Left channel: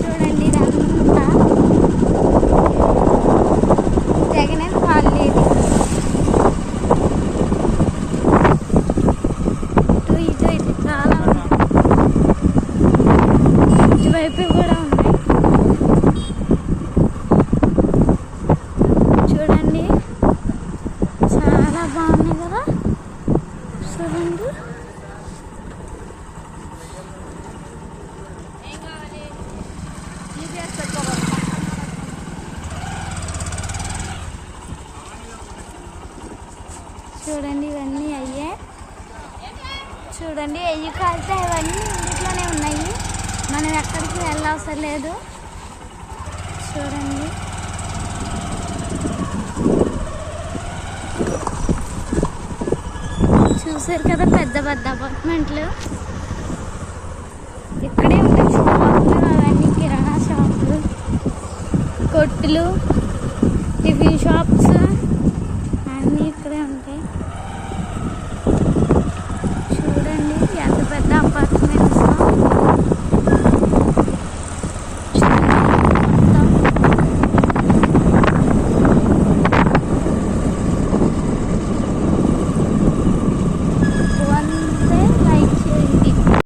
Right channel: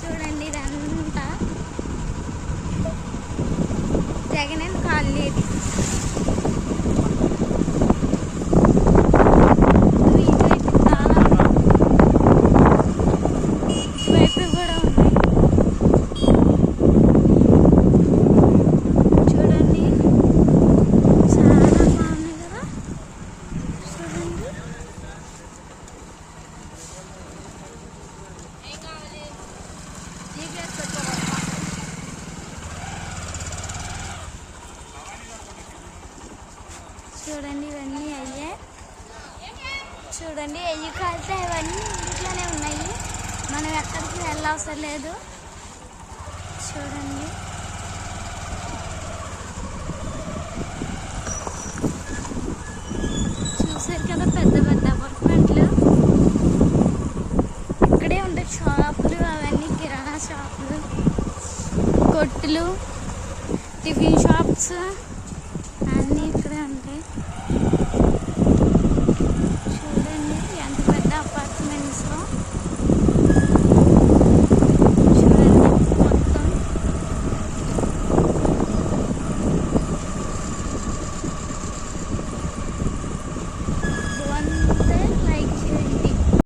చూడండి ఇదంతా జగన్ కాలనీ ఇది. చాలా ఇటువైపు కూడా ఉన్నాయి. చూడండి చాలా బాగుంది కదా. చూడండి చూడండి ఇవన్నీ అయ్యే. చూడండి అయ్యి కాస్తే ఇవన్నీ ఇంట్లోనే ఉన్నాయి, మనం ఎక్కడికి వెళ్ళవసరం లేదు. చూడండి చూసారు కదా పెద్ద పెద్ద అపార్ట్మెంట్లు. ఇక్కడే ఉంటాయి షాపులు, అవన్నీ కిరాణా షాపులు, కొట్టులు, టిఫిన్ షాప్స్ అన్నీ ఇక్కడే ఉంటాయి. చూడండి ఎంత పెద్ద అపార్ట్మెంట్.